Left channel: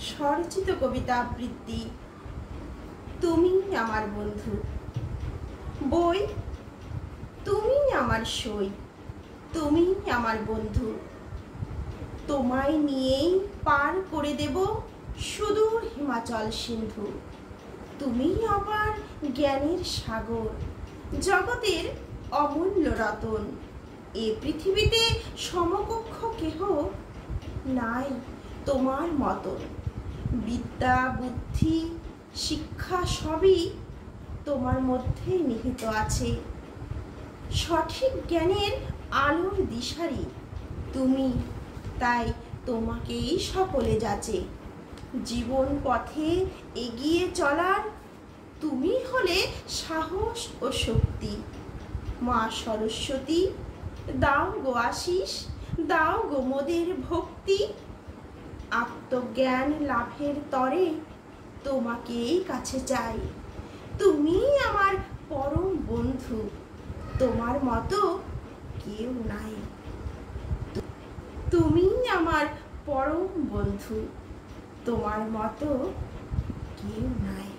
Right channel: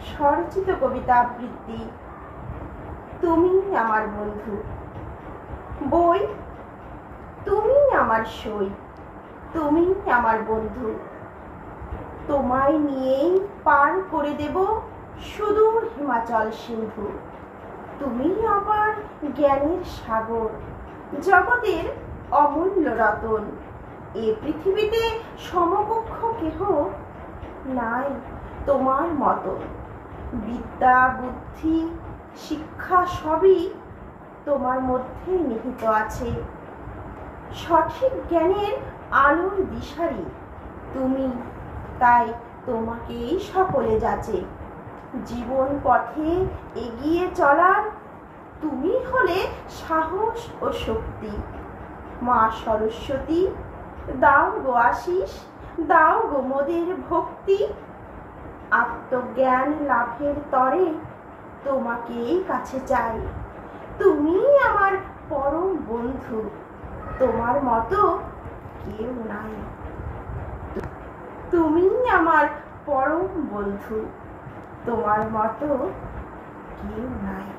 স্বরচিত কবিতা আবৃত্তি তুমি আমার বন্ধু। বই তুমি আমার সই, তুমি আমার বন্ধু। তোমায় নিয়েই পার করে দেব সুদূর হিমাচল সিন্ধু। তুমি আমার জ্ঞানের সাগর, জগতের অমূল্য রতন। এ পৃথিবীতে সমকক্ষ কেহ নাই তোমার মতো। বিদ্যা বুদ্ধি শিক্ষা সবই তোমার মধ্যে নিহিত আছে। সঠিক জ্ঞানের আলোর দিশারি তুমি, তাই তোমাকেই সকলে যাচে। জীবন পথে এগিয়ে চলার তুমি হলে সাহস ও শক্তি। মা সরস্বতী দাও গো আশিস, দাও গো মোদের ভক্তি। আত্মজ্ঞান লাভের তরে তোমাকেই কাছে চাই। তুমি আমার পরম বন্ধু, তোমার মতো কেউ নাই। তুমি আমার পরম বন্ধু, তোমার মতো কেউ নাই।